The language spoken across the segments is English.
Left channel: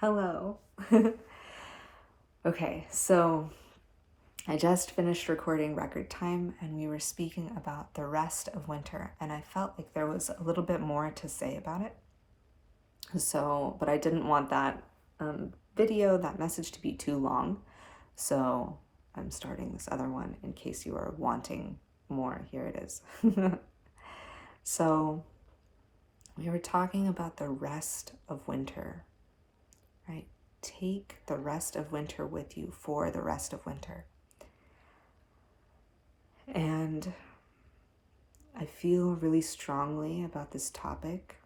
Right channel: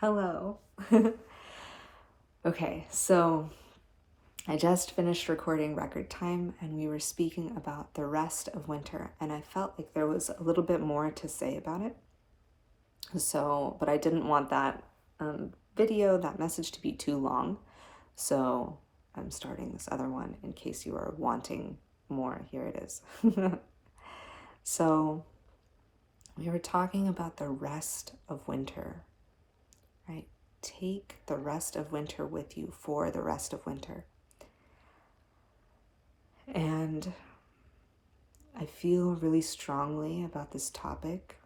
Hello. Okay, so I just finished recording Record Time and we were speaking about the rest of winter, and I felt like there was a little bit more to say about it. So, but I didn't want that that message to be too long. So I'm starting this other one in case you are wanting more. Here it is. So we were talking about the rest of winter, right? Take the rest of winter with you for the rest of winter. And I feel really strongly about this topic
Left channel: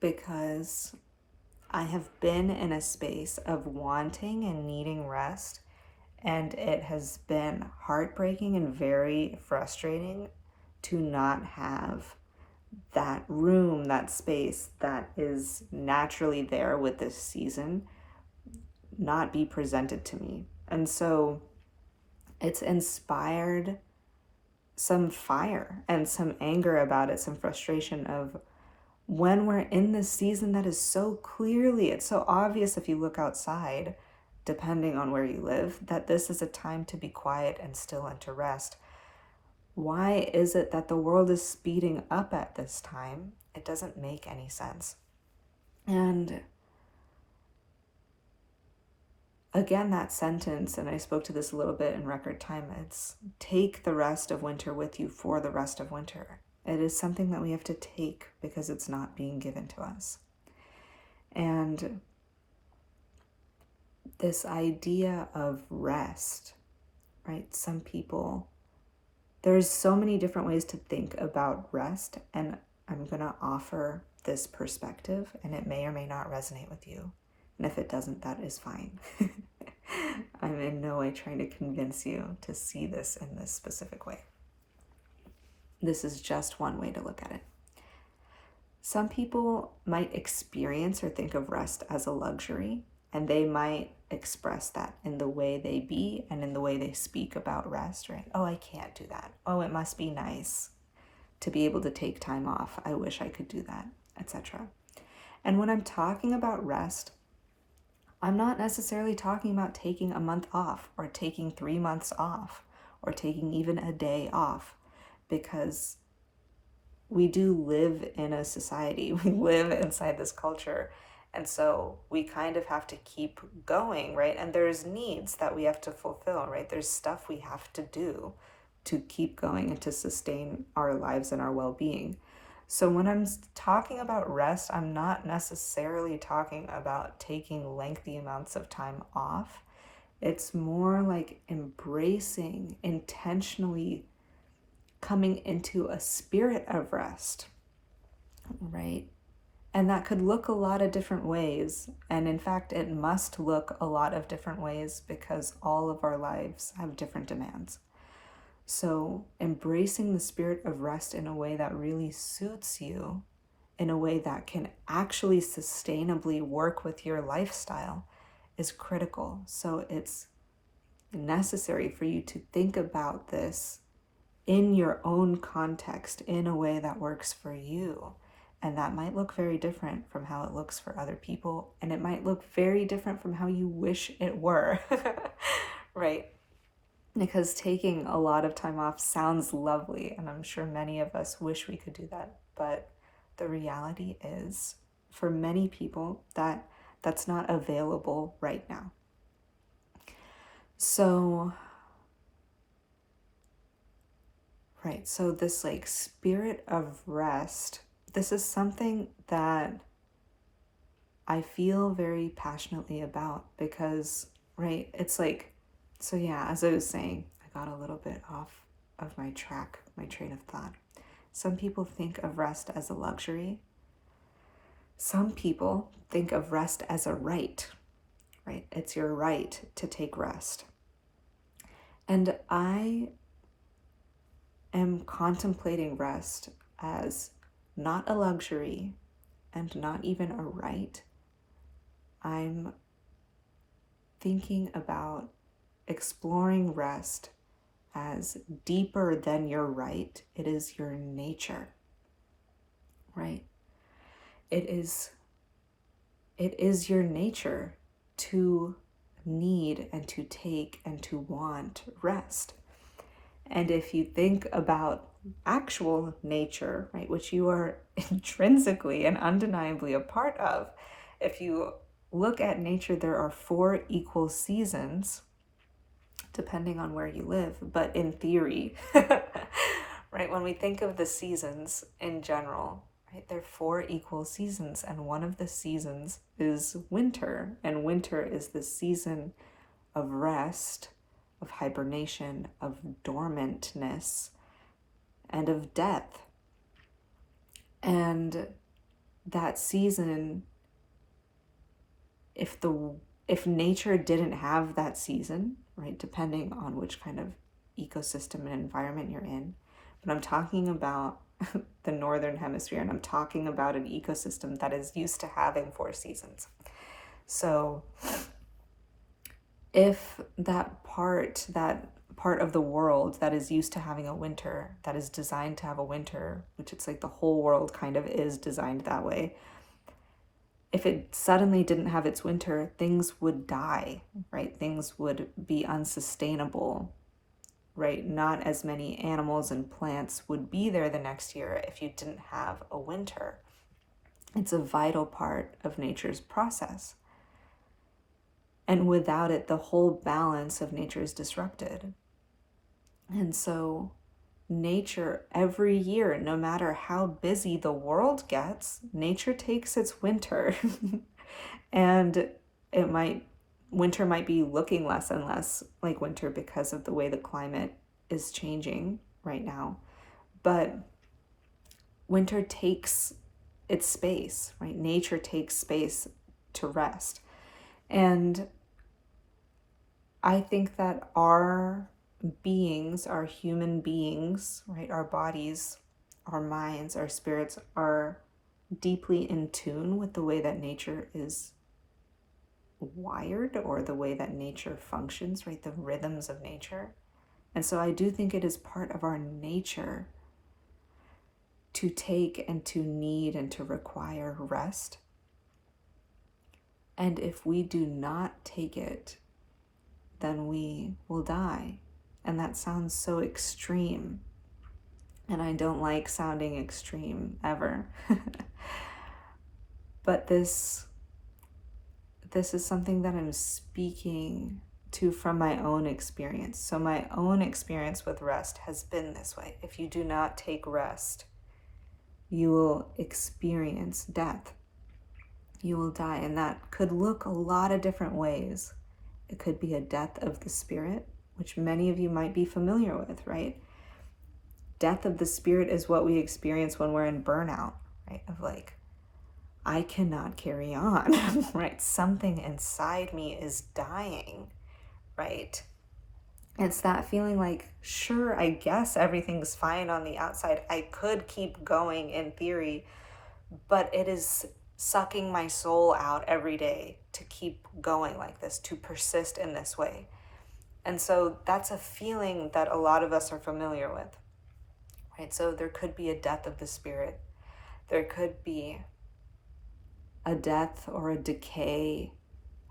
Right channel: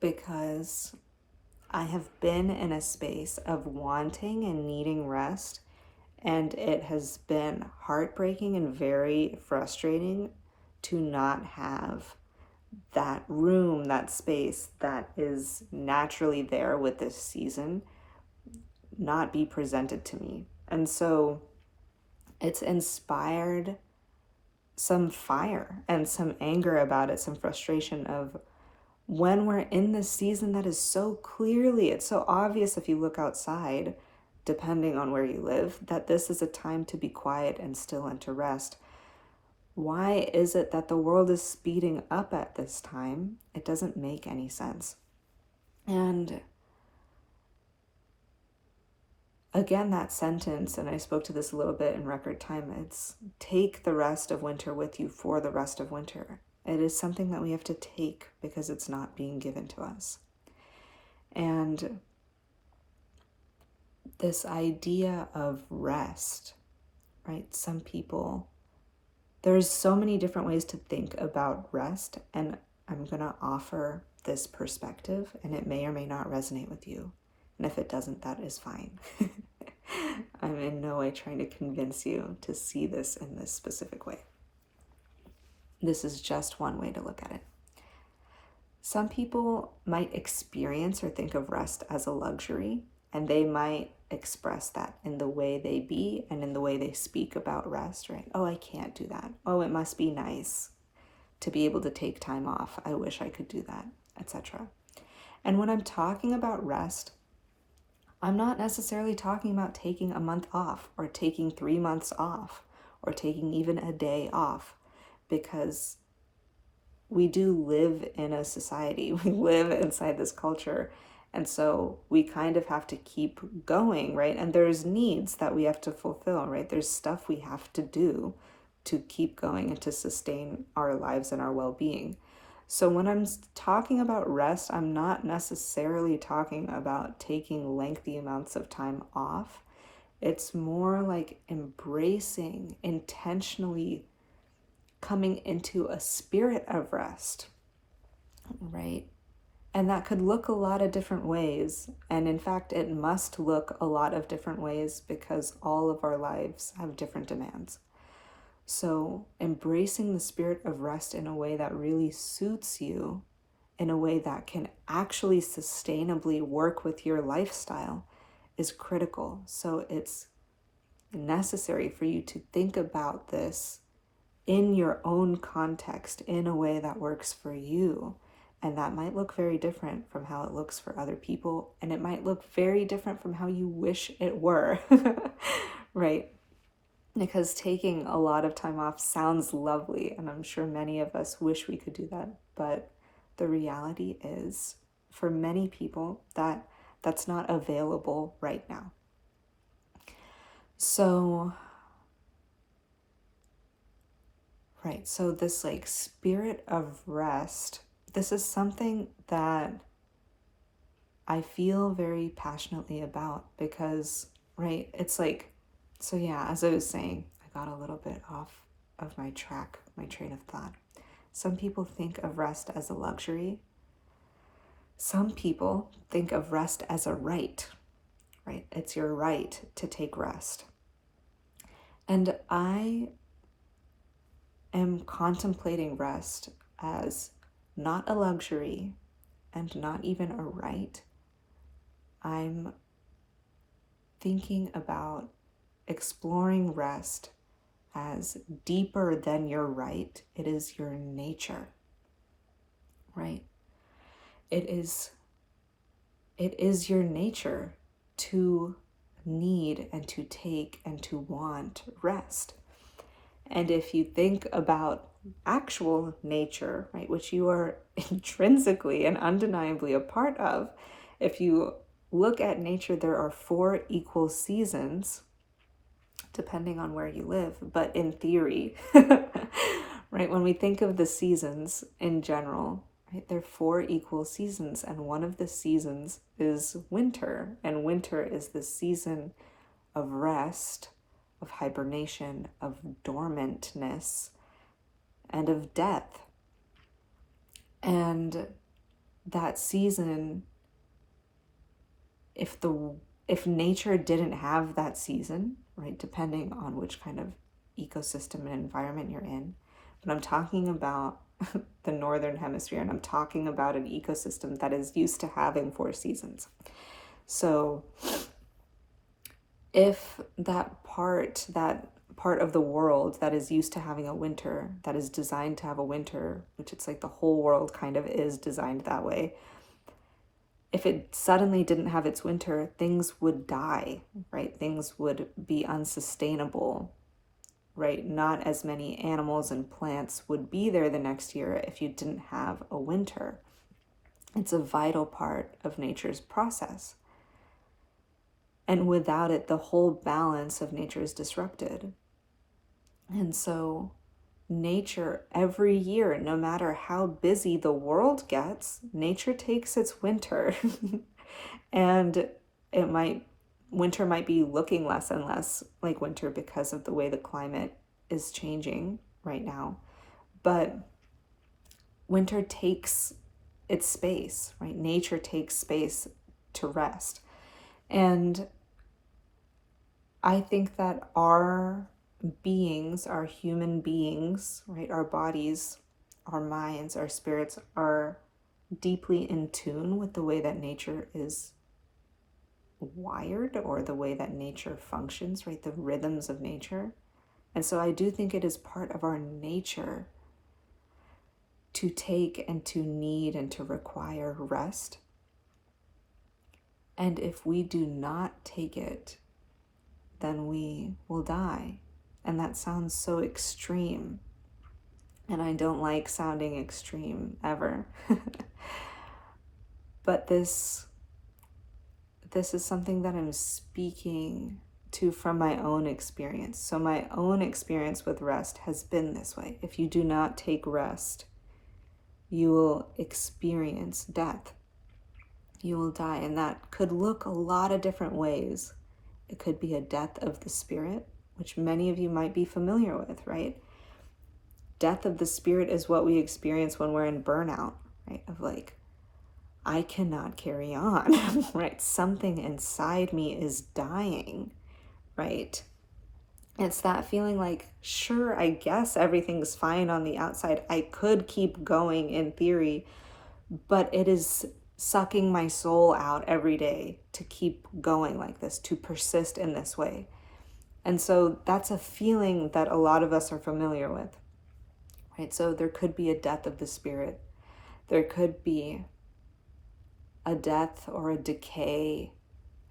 because I have been in a space of wanting and needing rest, and it has been heartbreaking and very frustrating to not have that room, that space that is naturally there with this season, not be presented to me. And so it's inspired some fire and some anger about it, some frustration of when we're in this season that is so clearly, it's so obvious if you look outside, depending on where you live, that this is a time to be quiet and still and to rest. Why is it that the world is speeding up at this time? It doesn't make any sense. And again, that sentence, and I spoke to this a little bit in Record Time, it's take the rest of winter with you for the rest of winter. It is something that we have to take because it's not being given to us. And this idea of rest, right? Some people, there's so many different ways to think about rest, and I'm going to offer this perspective, and it may or may not resonate with you. And if it doesn't, that is fine. I'm in no way trying to convince you to see this in this specific way. This is just one way to look at it. Some people might experience or think of rest as a luxury, and they might express that in the way they be and in the way they speak about rest, right? Oh, I can't do that. Oh, it must be nice to be able to take time off. I wish I could do that, etc. And when I'm talking about rest, I'm not necessarily talking about taking a month off or taking 3 months off or taking even a day off, because we do live in a society. We live inside this culture. And so we kind of have to keep going, right? And there's needs that we have to fulfill, right? There's stuff we have to do to keep going and to sustain our lives and our well-being. So when I'm talking about rest, I'm not necessarily talking about taking lengthy amounts of time off. It's more like embracing, intentionally coming into a spirit of rest, right? And that could look a lot of different ways. And in fact, it must look a lot of different ways because all of our lives have different demands. So embracing the spirit of rest in a way that really suits you, in a way that can actually sustainably work with your lifestyle, is critical. So it's necessary for you to think about this in your own context in a way that works for you. And that might look very different from how it looks for other people. And it might look very different from how you wish it were, right? Because taking a lot of time off sounds lovely, and I'm sure many of us wish we could do that. But the reality is, for many people, that's not available right now. So, right, so this like spirit of rest, this is something that I feel very passionately about because, right, it's like, so yeah, as I was saying, I got a little bit off of my track, my train of thought. Some people think of rest as a luxury. Some people think of rest as a right? It's your right to take rest. And I am contemplating rest as not a luxury and not even a right. I'm thinking about exploring rest as deeper than your right. It is your nature, right? It is it is your nature to need and to take and to want rest. And if you think about actual nature, right, which you are intrinsically and undeniably a part of, if you look at nature, there are 4 equal seasons, depending on where you live, but in theory, right, when we think of the seasons in general, right, there are 4 equal seasons, and one of the seasons is winter, and winter is the season of rest, of hibernation, of dormantness, and of death. And that season, if nature didn't have that season, right, depending on which kind of ecosystem and environment you're in, but I'm talking about the northern hemisphere, and I'm talking about an ecosystem that is used to having 4 seasons. So if that part of the world that is used to having a winter, that is designed to have a winter, which it's like the whole world kind of is designed that way, if it suddenly didn't have its winter, things would die, right? Things would be unsustainable, right? Not as many animals and plants would be there the next year if you didn't have a winter. It's a vital part of nature's process. And without it, the whole balance of nature is disrupted. And so nature, every year, no matter how busy the world gets, nature takes its winter. And winter might be looking less and less like winter because of the way the climate is changing right now. But winter takes its space, right? Nature takes space to rest. And I think that our beings, our human beings, right, our bodies, our minds, our spirits are deeply in tune with the way that nature is wired, or the way that nature functions, right, the rhythms of nature. And so I do think it is part of our nature to take and to need and to require rest. And if we do not take it, then we will die. And that sounds so extreme. And I don't like sounding extreme ever. But this is something that I'm speaking to from my own experience. So my own experience with rest has been this way. If you do not take rest, you will experience death. You will die. And that could look a lot of different ways. It could be a death of the spirit, which many of you might be familiar with, right? Death of the spirit is what we experience when we're in burnout, right? Of like, I cannot carry on, right? Something inside me is dying, right? It's that feeling like, sure, I guess everything's fine on the outside. I could keep going in theory, but it is sucking my soul out every day to keep going like this, to persist in this way. And so that's a feeling that a lot of us are familiar with, right? So there could be a death of the spirit. There could be a death or a decay,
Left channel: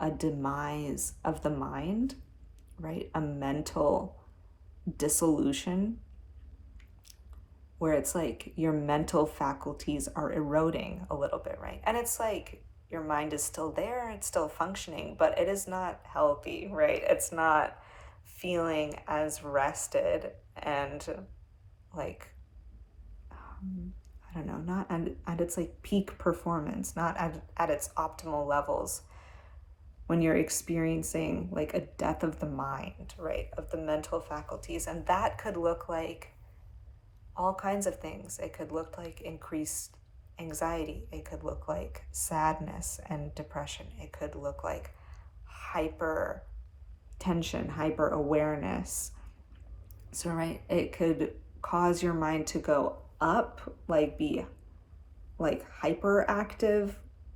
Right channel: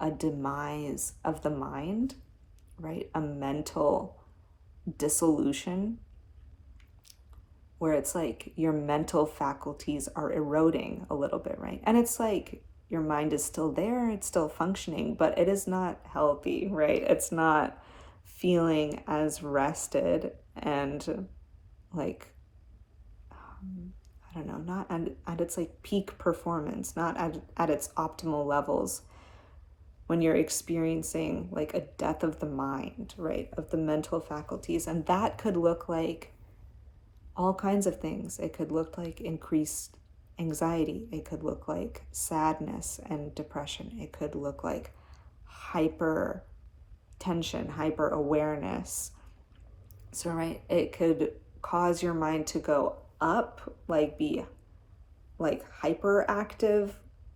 a demise of the mind, right? A mental dissolution where it's like your mental faculties are eroding a little bit, right? And it's like your mind is still there, it's still functioning, but it is not healthy, right? It's not feeling as rested and like, I don't know, not at its like peak performance, not at its optimal levels when you're experiencing like a death of the mind, right? Of the mental faculties. And that could look like all kinds of things. It could look like increased anxiety. It could look like sadness and depression. It could look like hyper tension, hyper awareness. So, right, it could cause your mind to go up, like be like hyperactive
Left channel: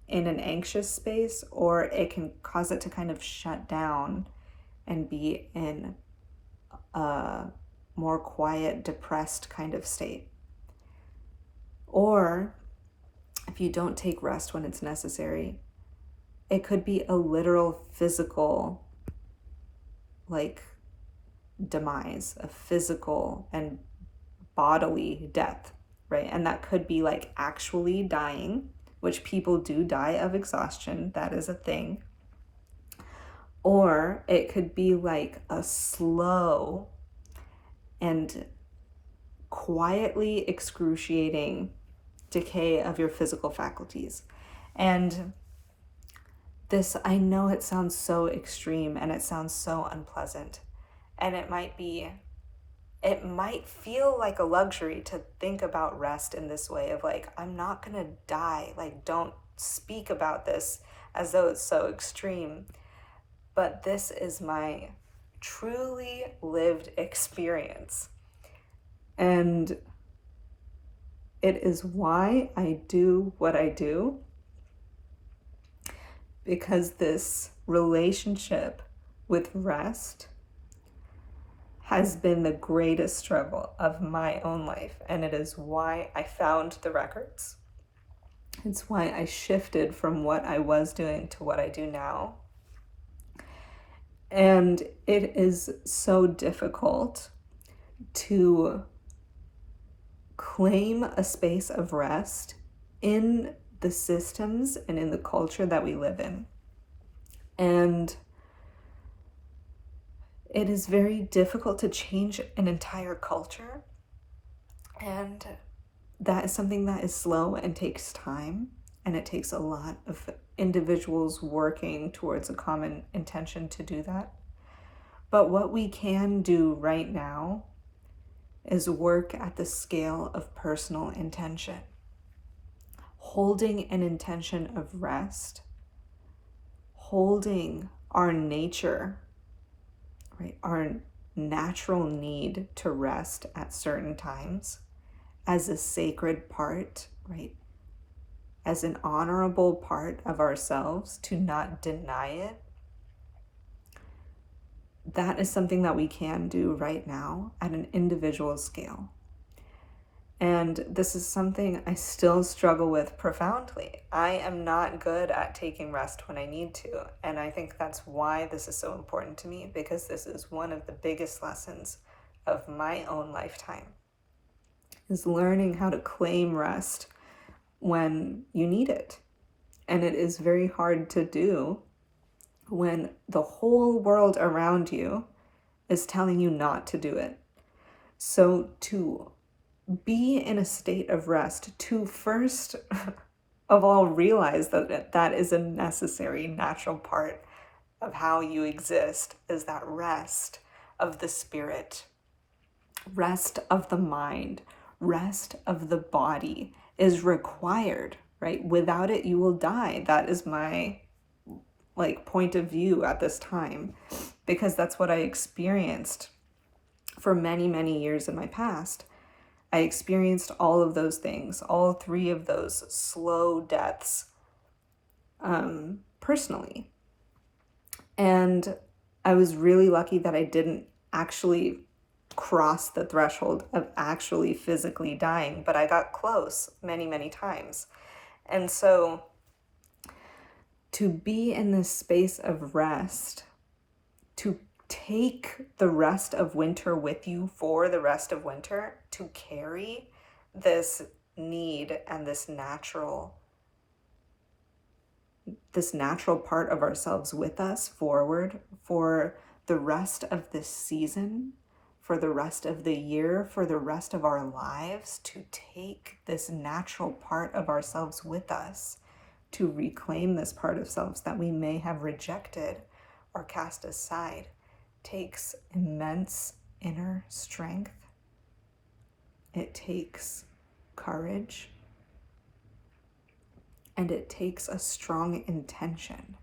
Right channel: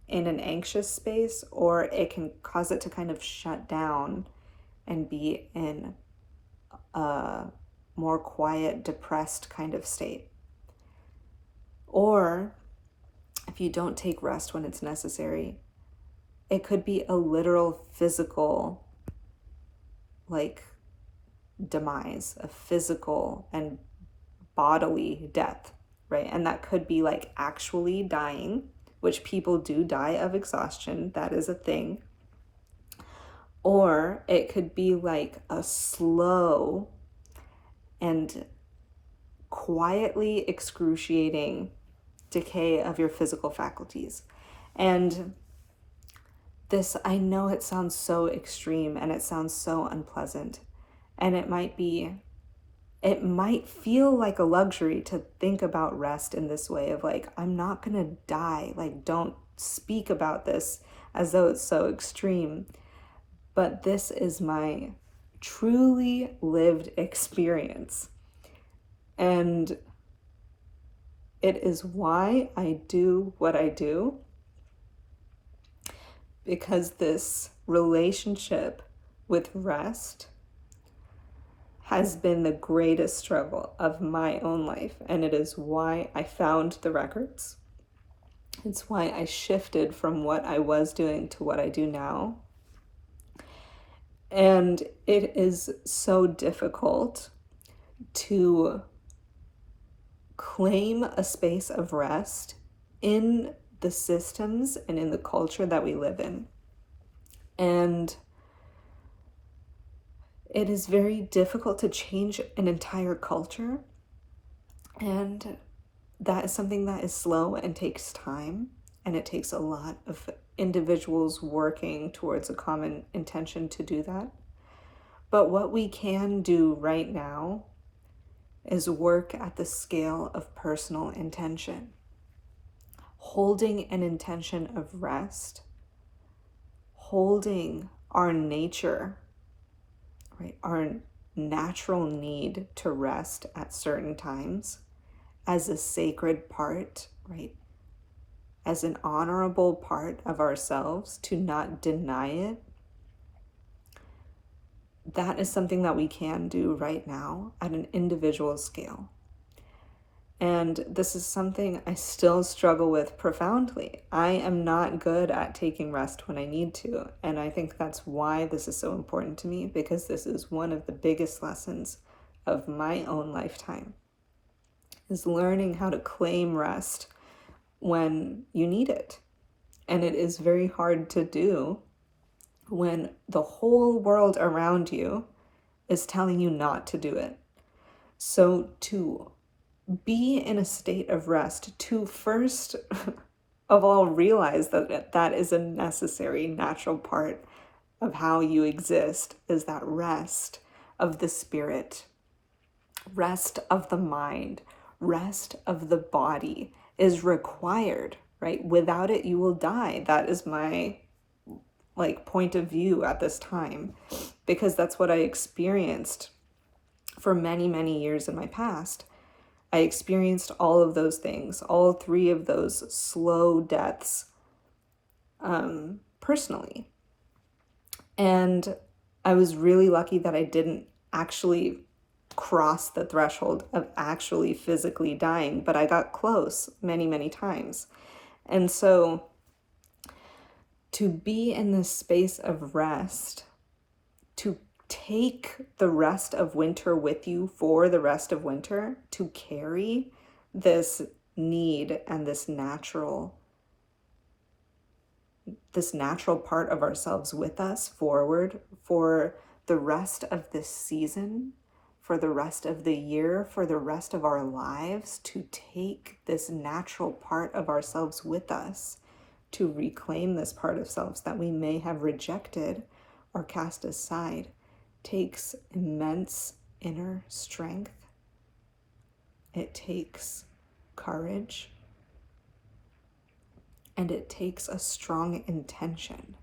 in an anxious space, or it can cause it to kind of shut down and be in a more quiet, depressed kind of state. Or if you don't take rest when it's necessary, It could be a literal physical, like, demise, a physical and bodily death, right? And that could be like actually dying, which people do die of exhaustion. That is a thing. Or it could be like a slow and quietly excruciating decay of your physical faculties. And this, I know it sounds so extreme and it sounds so unpleasant, and it might feel like a luxury to think about rest in this way of like, I'm not gonna die, like, don't speak about this as though it's so extreme. But this is my truly lived experience. And it is why I do what I do, because this relationship with rest has been the greatest struggle of my own life. And it is why I found the records. It's why I shifted from what I was doing to what I do now. And it is so difficult to claim a space of rest in the systems and in the culture that we live in. And it is very difficult to change an entire culture. And that is something that is slow and takes time. And it takes a lot of individuals working towards a common intention to do that. But what we can do right now is work at the scale of personal intention. Holding an intention of rest, holding our nature, right, our natural need to rest at certain times as a sacred part, right, as an honorable part of ourselves, to not deny it. That is something that we can do right now at an individual scale. And this is something I still struggle with profoundly. I am not good at taking rest when I need to. And I think that's why this is so important to me, because this is one of the biggest lessons of my own lifetime, is learning how to claim rest when you need it. And it is very hard to do when the whole world around you is telling you not to do it. So to be in a state of rest, to first of all realize that that is a necessary, natural part of how you exist, is that rest of the spirit, rest of the mind, rest of the body is required, right? Without it, you will die. That is my point of view at this time, because that's what I experienced for many, many years in my past. I experienced all of those things, all three of those slow deaths, personally. And I was really lucky that I didn't actually cross the threshold of actually physically dying, but I got close many, many times. And so to be in this space of rest, to take the rest of winter with you for the rest of winter, to carry this need and this natural part of ourselves with us forward for the rest of this season, for the rest of the year, for the rest of our lives, to take this natural part of ourselves with us, to reclaim this part of selves that we may have rejected or cast aside, takes immense inner strength. It takes courage. And it takes a strong intention,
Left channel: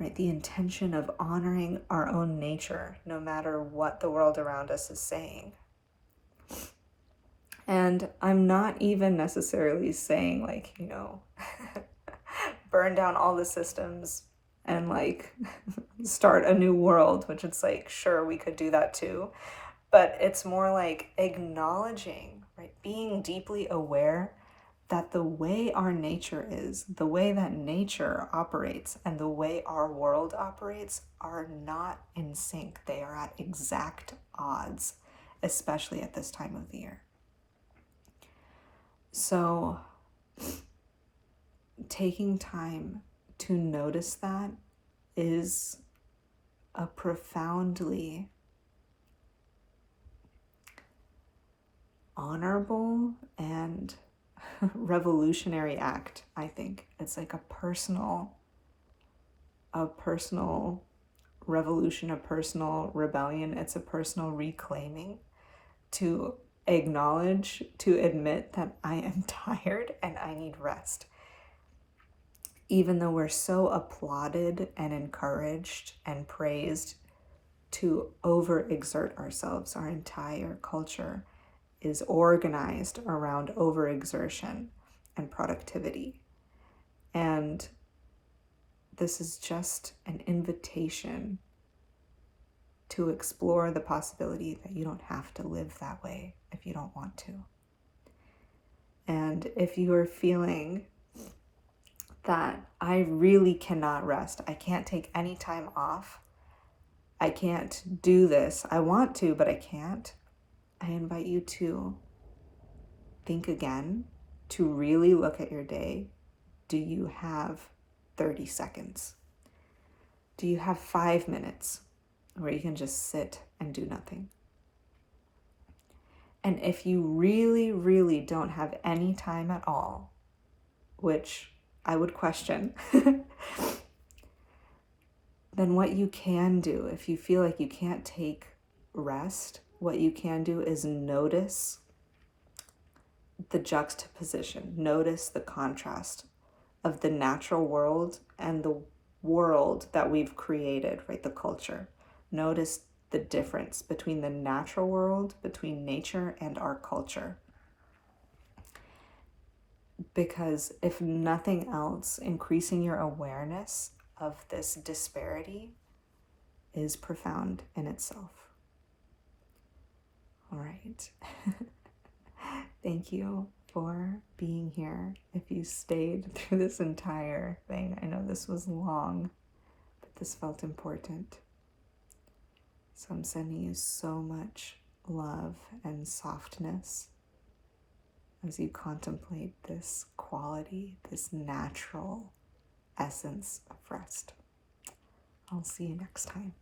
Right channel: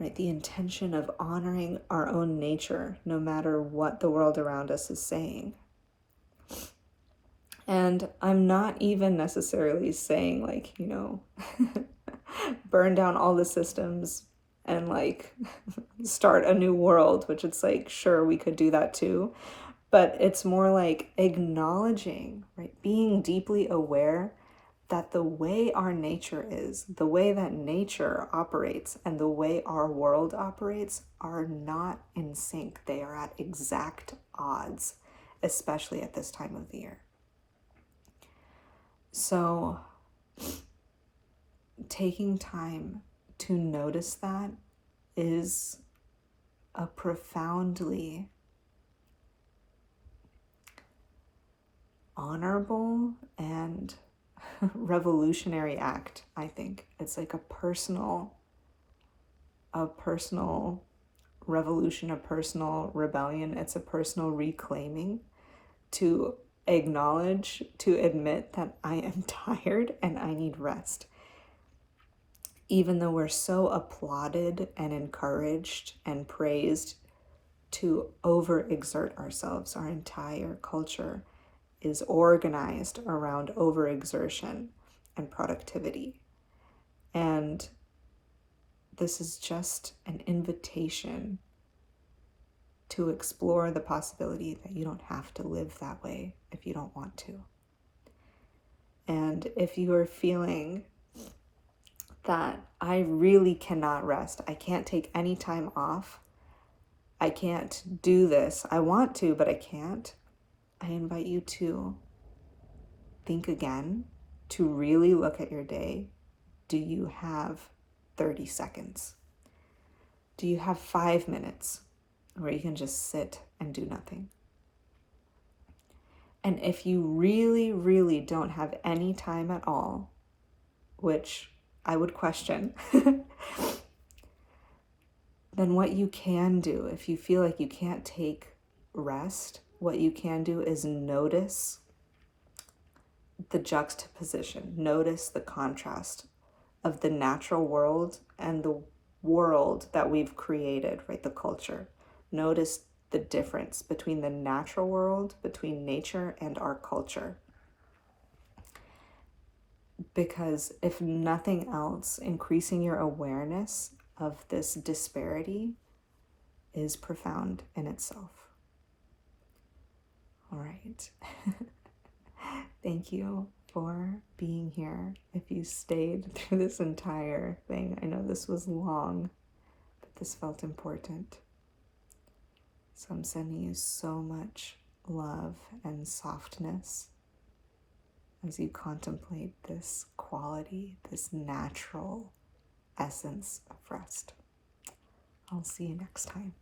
right? The intention of honoring our own nature, no matter what the world around us is saying. And I'm not even necessarily saying burn down all the systems and start a new world, which it's sure, we could do that too. But it's more like acknowledging, right? Being deeply aware that the way our nature is, the way that nature operates, and the way our world operates are not in sync. They are at exact odds, especially at this time of the year. So, taking time to notice that is a profoundly honorable and revolutionary act, I think. It's like a personal revolution, a personal rebellion. It's a personal reclaiming to acknowledge, to admit that I am tired and I need rest. Even though we're so applauded and encouraged and praised to overexert ourselves, our entire culture is organized around overexertion and productivity. And this is just an invitation to explore the possibility that you don't have to live that way if you don't want to. And if you are feeling that I really cannot rest, I can't take any time off, I can't do this, I want to, but I can't, I invite you to think again, to really look at your day. Do you have 30 seconds? Do you have 5 minutes where you can just sit and do nothing? And if you really, really don't have any time at all, which I would question, then what you can do, if you feel like you can't take rest, what you can do is notice the juxtaposition, notice the contrast of the natural world and the world that we've created, right? The culture. Notice the difference between the natural world, between nature and our culture. Because if nothing else, increasing your awareness of this disparity is profound in itself. All right. Thank you for being here. If you stayed through this entire thing, I know this was long, but this felt important. So I'm sending you so much love and softness as you contemplate this quality, this natural essence of rest. I'll see you next time.